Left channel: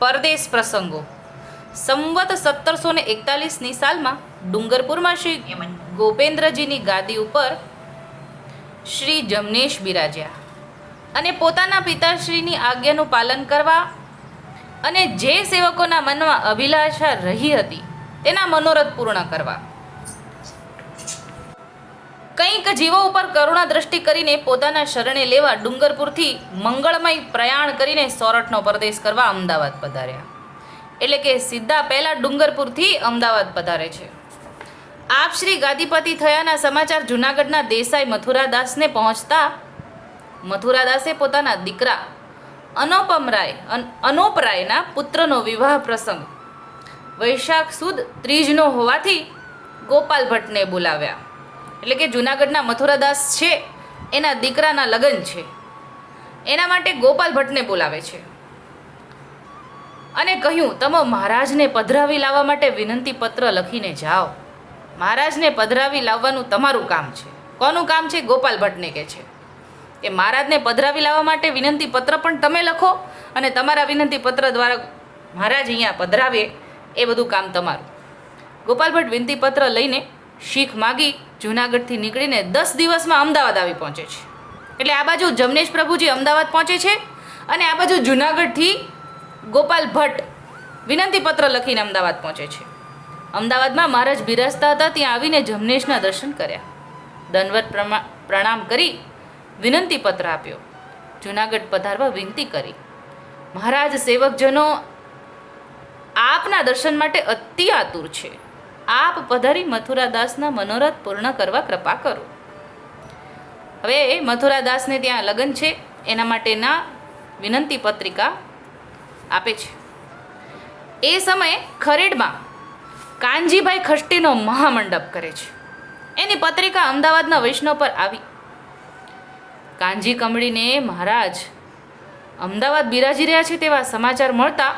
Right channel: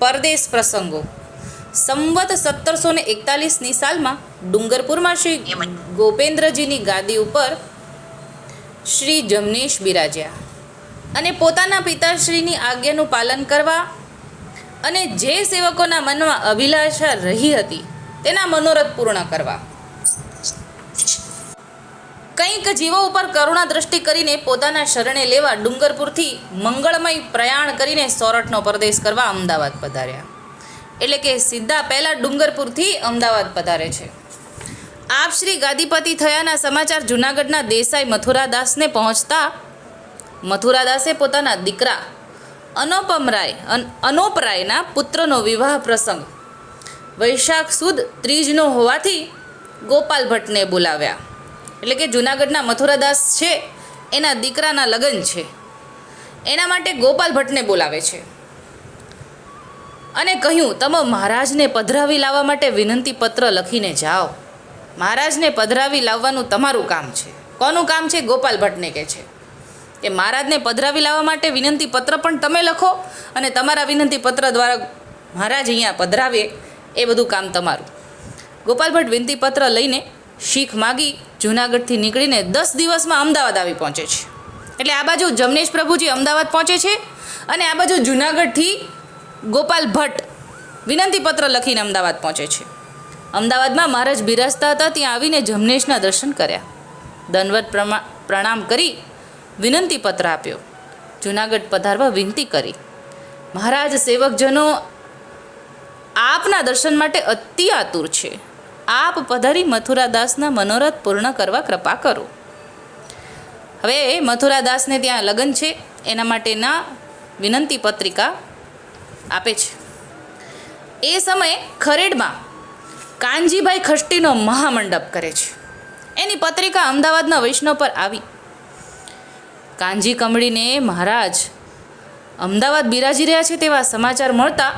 પરદેશ પ્રસંગો. સંવત સત્તરસો ને એકતાલીસની સાલમાં ડુંગરપુરમાં શ્રી ગોપેન્દ્રજીની ગાદી ઉપર શ્રી જમનેશ બિરાજ્યા. અને પોતાના પિતાશ્રીની આજ્ઞાનું પાલન કરવા અને જે સેવકોના મનમાં અભિલાષા રહી હતી તેના મનોરથ પૂર્ણ કરવા. કંઈક જીવો ઉપર કરુણા દ્રષ્ટિ કરીને પોતાના શરણે લેવા ડુંગરપુરથી મંગળમય પ્રયાણ કરીને સોરઠનો પરદેશ કરવા અમદાવાદ પધાર્યા. એટલે કે સીધા પહેલાં ડુંગરપુરથી અમદાવાદ પધારે છે. આપ શ્રી ગાદીપતિ થયાના સમાચાર જૂનાગઢના દેસાઈ મથુરાદાસને પહોંચતા મથુરાદાસે પોતાના દીકરા અનોપમરાય અન- અનોપરાયના પુત્રનો વિવાહ પ્રસંગ વૈશાખ સુદ ત્રીજનો હોવાથી ગોપાલ ભટ્ટને બોલાવ્યા. એટલે કે જૂનાગઢના મથુરાદાસ છે, એના દીકરાના લગ્ન છે. એના માટે ગોપાલ ભટ્ટને બોલાવે છે. અને કહ્યું, તમે મહારાજને પધરાવી લાવવા માટે વિનંતી પત્ર લખીને જાઓ. મહારાજને પધરાવી લાવવાનું તમારું કામ છે. કોનું કામ છે? ગોપાલ ભટ્ટને કહે છે. કે મહારાજને પધરાવી લાવવા માટે વિનંતી પત્ર પણ તમે લખો અને તમારા વિનંતી પત્ર દ્વારા મહારાજ અહીંયા પધરાવે એ બધું કામ તમારું. ગોપાલ ભટ્ટ વિનંતી પત્ર લઈને શીખ માગી જૂનાગઢથી નીકળીને દસ દિવસમાં અમદાવાદ આવી પહોંચે છે. એટલે આ બાજુ જમનેશ પ્રભુજી અમદાવાદ પહોંચે છે અને આ બાજુ જૂનાગઢથી ગોપાલ ભટ્ટ વિનંતી પત્ર લખીને અમદાવાદ પહોંચે છે. અમદાવાદમાં મહારાજ બિરાજતા હતા, ત્યાં આવીને જમનેશના દર્શન કર્યા. દનવત પ્રણામ કરી, વિનંતી પત્ર આપ્યો. જૂનાગઢ પધારવા વિનંતી કરી. મહારાજ સેવકજનો આપના દર્શન માટે અતિ આતુર છે. આપ પધારી મથુરાદાસના મનોરથ પૂર્ણ કરવા કૃપા કરો. હવે મથુરાદાસને ત્યાં લગ્ન છે, એના માટેના વિનંતી પત્રિકા આપે છે. એ સમયે ખરેડમાં કાનજીભાઈ ખષ્ટીનો મહામંડપ કરે છે. એની પત્રિકા અમદાવાદના વૈષ્ણવ પર આવી. કાનજી કમળીને મહારાજ, અમદાવાદ બિરાજી રહ્યા છે તેવા સમાચાર મળતા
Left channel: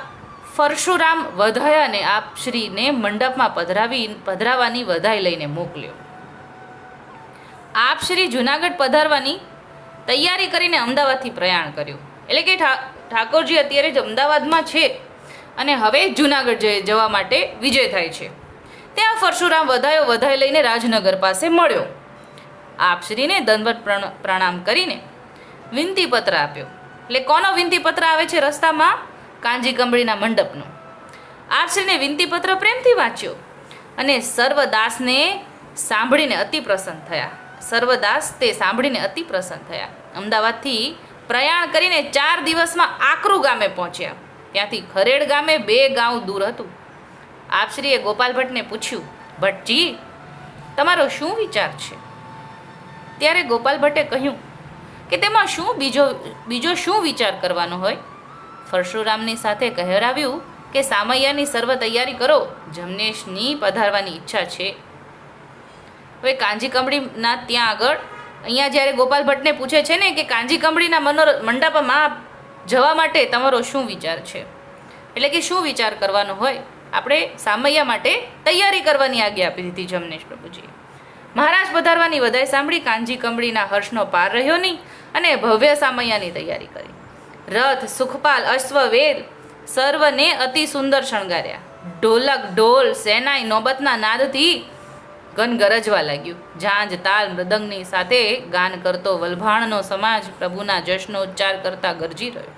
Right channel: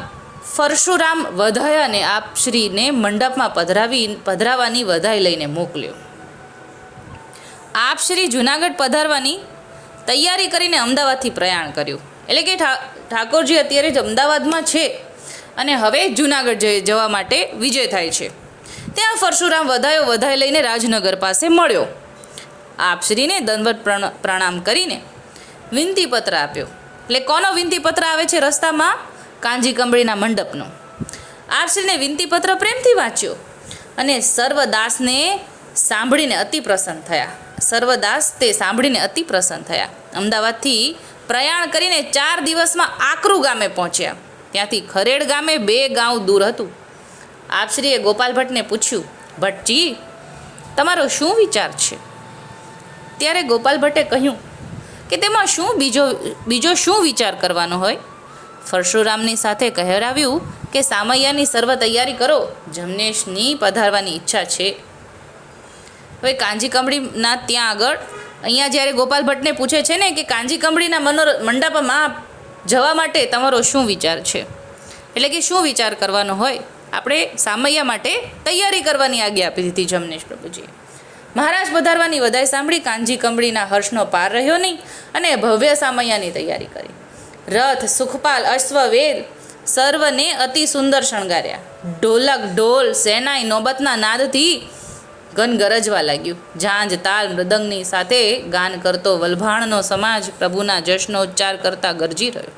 પરશુરામ વધાયાને આપ શ્રીને મંડપમાં પધરાવી, પધરાવાની વધાઈ લઈને મોકલ્યો. આપ શ્રી જુનાગઢ પધારવાની તૈયારી કરીને અમદાવાદથી પ્રયાણ કર્યું. એટલે કે ઠાકોરજી અત્યારે જ અમદાવાદમાં છે અને હવે જુનાગઢ જવા માટે વિજય થાય છે. ત્યાં પરશુરામ વધાયો, વધાઈ લઈને રાજનગર પાસે મળ્યો. આપશ્રીને દંડવત પ્રણ- પ્રણામ કરીને વિનંતીપત્ર આપ્યો. એટલે કોનો વિનંતીપત્ર આવે છે રસ્તામાં? કાંજી કંબળીના મંડપનો. આપશ્રીને વિનંતીપત્ર પ્રેમથી વાંચ્યો અને સર્વદાસને સાંભળીને અતિ પ્રસન્ન થયા. સર્વદાસ તે સાંભળીને અતિ પ્રસન્ન થયા. અમદાવાદથી પ્રયાણ કરીને ચાર દિવસમાં આકરુ ગામે પહોંચ્યા. ત્યાંથી ખરેડ ગામે બે ગાંવ દૂર હતું. આપશ્રીએ ગોપાલ ભટ્ટને પૂછ્યું, ભટ્ટજી, તમારો શું વિચાર છે? ત્યારે ગોપાલ ભટ્ટે કહ્યું કે તેમાં શું બીજો બીજો શું વિચાર કરવાનો હોય? પરશુરામની સાથે કહેરાવ્યું કે સામૈયાની સર્વ તૈયારી કરો, જમનેશની પધારવાની ઈચ્છા છે. હવે કાંજી કંબળીના ત્યાં આગળ, અહીંયા જ્યારે ગોપાલ ભટ્ટને પૂછે છે ને કે કાંજી કંબળીના મનોર, મંડપમાં જવા માટે તમારો શું વિચાર છે? એટલે કે શું વિચાર કરવાનો હોય? આપણે સામૈયા માટે તૈયારી કરવાની આજ્ઞા આપી દીધી જમનેશ પ્રભુજી. મહારાજ પધારવાની વધાઈ સાંભળી કાંજી કંબળીના હર્ષનો પાર રહ્યો નહીં અને ભવ્ય સામૈયાની તૈયારી કરી. રથ, સુખપાલ અશ્વવેદ સર્વને અતિ સુંદર શણગાર્યા. ઢોલક, ઢોલ સેનાઈ નોબતના નાદથી ગન ગરજવા લાગ્યું. ઝાંજ તાલ, મૃદંગની સાથે ગાન કરતો વલભાણનો સમાજ પ્રભુના જશનો ઉચ્ચાર કરતા ગરજી રહ્યો.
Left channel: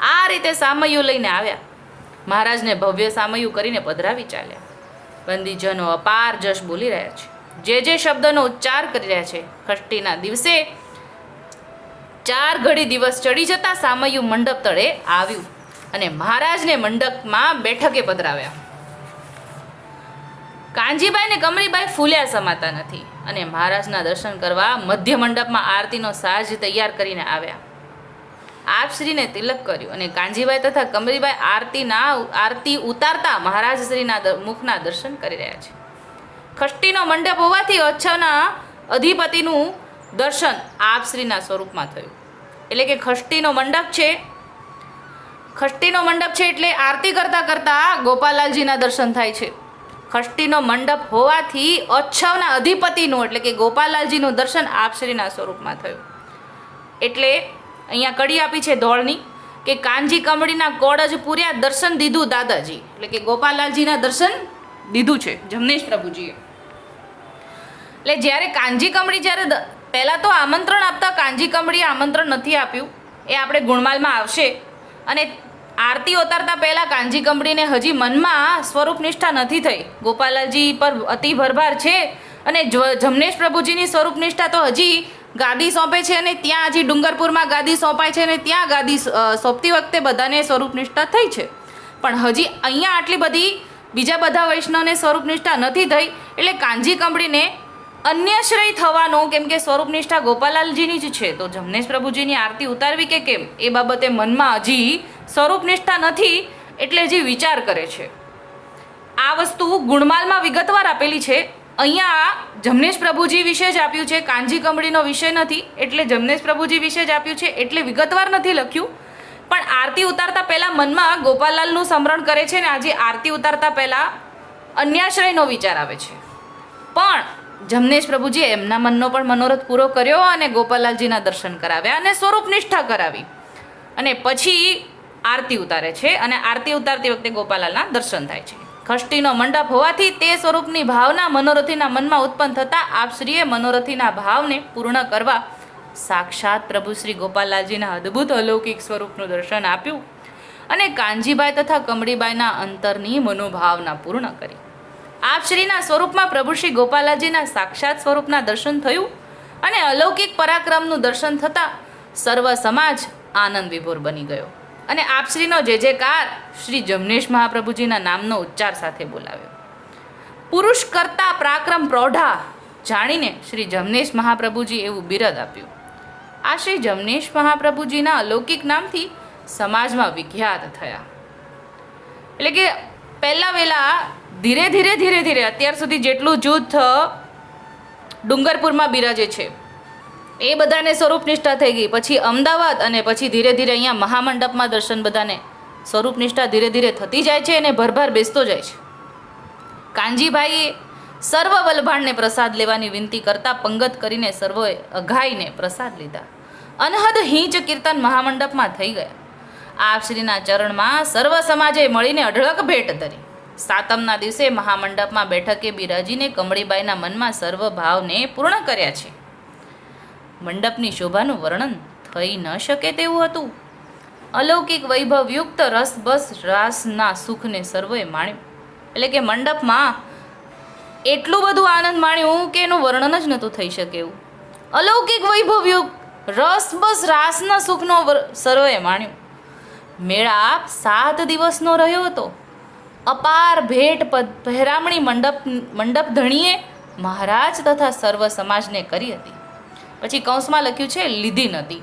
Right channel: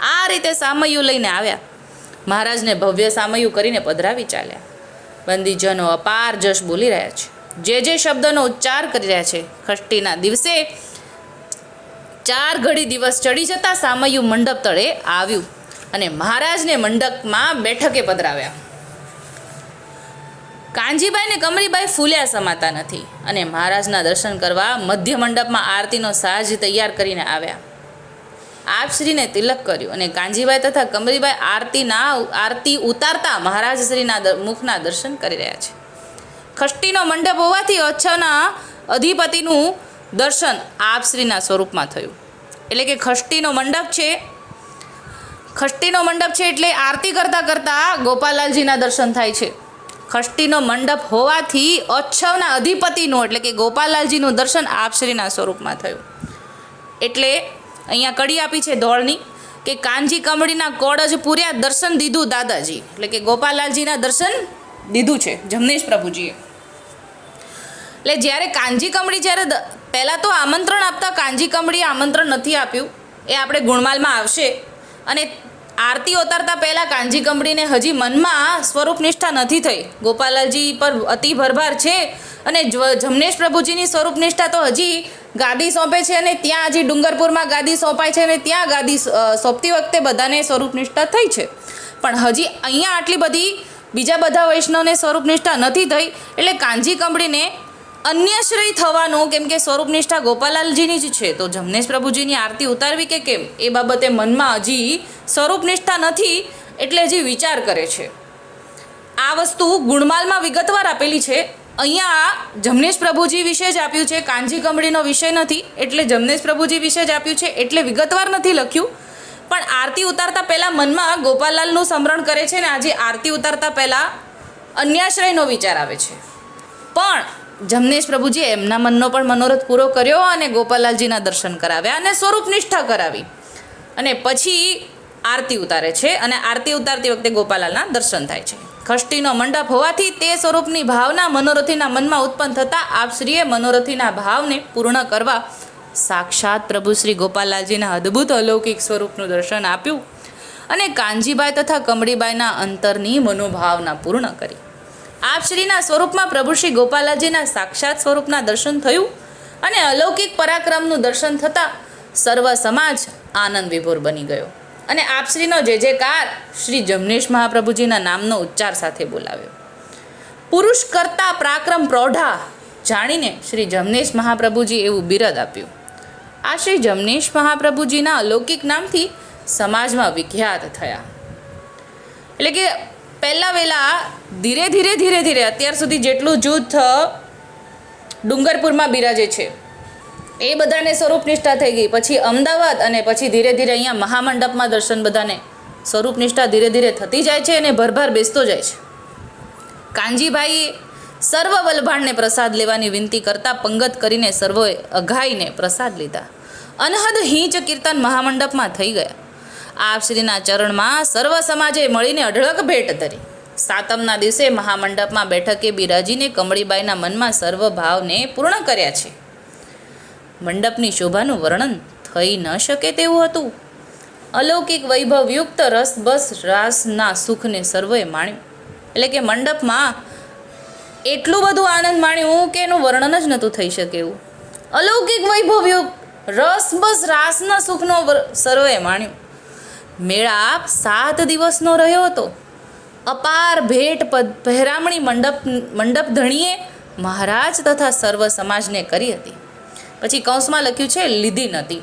આ રીતે સામયું લઈને આવ્યા. મહારાજને ભવ્ય સામયું કરીને પધરાવી ચાલ્યા. બંદીજનો અપાર જશ બોલી રહ્યા છે. જે જે શબ્દનો ઉચ્ચાર કરી રહ્યા છે ખષ્ટીના દિવસે ચાર ઘડી દિવસ ચડી જતા સામયું મંડપ તળે આવ્યું અને મહારાજને મંડપમાં બેઠકે પધરાવ્યા. કાંજીબાઈ ને કમળીબાઈ ફૂલ્યા સમાતા નથી અને મહારાજના દર્શન કરવા મધ્ય મંડપમાં આરતીનો સાજ તૈયાર કરીને આવ્યા. આપશ્રીને તિલક કર્યું અને કાંજીબાઈ તથા કમરીબાઈ આરતીના આરતી ઉતારતા મહારાજ શ્રીના દ- મુખના દર્શન કરી રહ્યા છે. ખષ્ટીનો મંડપ હોવાથી ઓછાના અધિપતિનું દર્શન આપશ્રીના સ્વરૂપમાં થયું. એટલે કે ખષ્ટીનો મંડપ છે. ખષ્ટીનો મંડપ છે એટલે આરતી કરતાં કરતાં ગોપાલાલજીના દર્શન થાય છે. ખષ્ટીનો મંડપ હોવાથી અચ્છવના અધિપતિનું એટલે કે ગોપાલાલજીનું દર્શન આપશ્રીના સ્વરૂપમાં થયું. એટલે અહીંયા કડી આપી છે ધોળની કે કાનજી કમળીના કોડ જ પૂર્યા દર્શન દીધું દાદાજી. એટલે કે ગોપાલાલજીના દર્શન દીધું છે જમનેશ પ્રભુજીએ. એટલે જ્યારે કાનજી કમળી જ્યારે પહેલાં તો આમંત્રણ આપતા કાંજી કમળીએ આમંત્રણ નથી આપ્યું. એ આપણે ગુણમાલમાં આવશે. અને આરતી ઉતારતા પહેલાં કાનજી કમળીને હજી મનમાં સ્વરૂપ નિષ્ઠા નથી થઈ. ગોપાલાલજી પર અતિ ભરભાર છે અને જમનેશ પ્રભુજીની સ્વરૂપ નિષ્ઠા તો હજી ગાદી સોંપે છે અને ત્યાં હજી ડુંગરપુરમાં ગાદી સોંપાય છે અને ત્યાં ગાદી સોંપતી વખતે બધાને સ્વરૂપ નિષ્ઠા થઈ છે. પણ હજી અહીંયા આટલી બધી બીજા બધા વૈષ્ણવને સ્વરૂપ નિષ્ઠા નથી થઈ એટલે કાંજી કંબળીને અન્યશ્રય થવાનું કેમ કે સ્વરૂપ નિષ્ઠા ગોપાલાલજીની જ છે. તો જમનેશ પ્રભુજીની આરતી ઉતારવી કે કેમ? એ બાબતે મનમાં હજી સ્વરૂપ નિષ્ઠા નથી એટલે હજી વિચાર કરે છે. આ વસ્તુ ગુણમાલમાં વિગતવાર આપેલી છે. અહીંયા જમનેશ પ્રભુજી વિશે જ આપ્યું છે. કાનજી કમળીનો વિષય નથી એટલે જમનેશ પ્રભુજી વિશે જ આપ્યું છે એટલે વિગતવાર નથી લખ્યું. પણ આરતી ઉતારતા પહેલાં મનમાં ગોપાલાલનું સ્મરણ કરે છે ને આજે આરતી ઉતારતા પહેલાં અન્યાશ્રયનો વિચાર આવે છે. પણ જમનેશ પ્રભુજીએ એમના મનનો પણ મનોરથ પૂરો કર્યો અને ગોપાલાલજીના દર્શન કરાવ્યા અને સ્વરૂપ નિષ્ઠા કરાવી. અને પછી આરતી ઉતારે છે અને આરતી ઉતારતી વખતે ગોપાલાલના દર્શન થાય છે. ખષ્ટીનો મંડપ હોવાથી તે સ્વરૂપની ભાવના મનોરથીના મનમાં ઉત્પન્ન થતાં આપશ્રીએ મનોરથીના ભાવને પૂર્ણ કરવા સાક્ષાત પ્રભુ શ્રી ગોપાલાલજીના અદ્ભુત અલૌકિક સ્વરૂપનું દર્શન આપ્યું અને કાનજીબાઈ તથા કમળીબાઈના અંતરની મનોભાવના પૂર્ણ કરી. આપશ્રીના સ્વરૂપમાં પ્રભુ શ્રી ગોપાલાજીના સાક્ષાત સ્વરૂપના દર્શન થયું અને અલૌકિક પરાક્રમનું દર્શન થતાં સર્વ સમાજ આનંદ વિભોર બની ગયો. અને આપશ્રીનો જે જેકાર શ્રી જમનેશ મહાપ્રભુજીના નામનો ઉચ્ચાર સાથે બોલાવ્યો. પુરુષ કરતા પરાક્રમ પ્રૌઢા જાણીને શ્રી જમનેશ મહાપ્રભુજી એવું બિરદ આપ્યું. આ શ્રી જમનેશ મહાપ્રભુજીના અલૌકિક નામથી સમાજમાં વિખ્યાત થયા. એટલે કે પહેલાં વહેલા ધીરે ધીરે ધીરે ધીરે અત્યાર સુધી જેટલું જૂથ ડુંગરપુરમાં બિરાજે છે. એ બધાને સ્વરૂપ નિષ્ઠા થઈ ગઈ. પછી અમદાવાદ અને પછી ધીરે ધીરે અહીંયા મહામંડપમાં દર્શન બધાને સ્વરૂપ નિષ્ઠા ધીરે ધીરે થતી જાય છે અને ભરભર બેસતો જાય છે. કાનજીભાઈએ સર્વ વલભાણને પ્રસાદ લેવાની વિનંતી કરતાં પંગત કરીને સર્વોએ અઘાઈને પ્રસાદ લીધા. અનહદ હિંચ કીર્તન મહામંડપમાં થઈ ગયા. આપ શ્રીના ચરણમાં સર્વ સમાજે મળીને અઢળક ભેટ ધરી. સાતમના દિવસે મહામંડપમાં બેઠકે બિરાજીને કમળીબાઈના મનમાં સર્વ ભાવને પૂર્ણ કર્યા છે. મંડપની શોભાનું વર્ણન થઈ ન શકે તેવું હતું. અલૌકિક વૈભવયુક્ત રસબસ રાસના સુખને સર્વે માણ્યું. એટલે કે મંડપમાં એટલું બધું આનંદ માણ્યું કે એનું વર્ણન જ નહોતું થઈ શકે એવું. અલૌકિક વૈભવયુક્ત રસબસ રાસના સુખનો સર્વે માણ્યું. મેળાપ સાત દિવસનો રહ્યો હતો. અપાર ભેટ પહેરામણી મંડપ મંડપ ધણીએ મહારાજ તથા સર્વ સમાજને કરી હતી. પછી કૌંસમાં લખ્યું છે, લીધી નથી.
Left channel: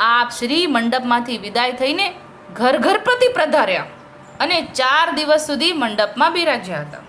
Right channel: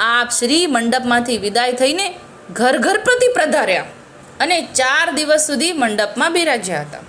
આપ શ્રી મંડપમાંથી વિદાય થઈને ઘર ઘર પ્રતિ પ્રધાર્યા અને ચાર દિવસ સુધી મંડપમાં બિરાજ્યા હતા.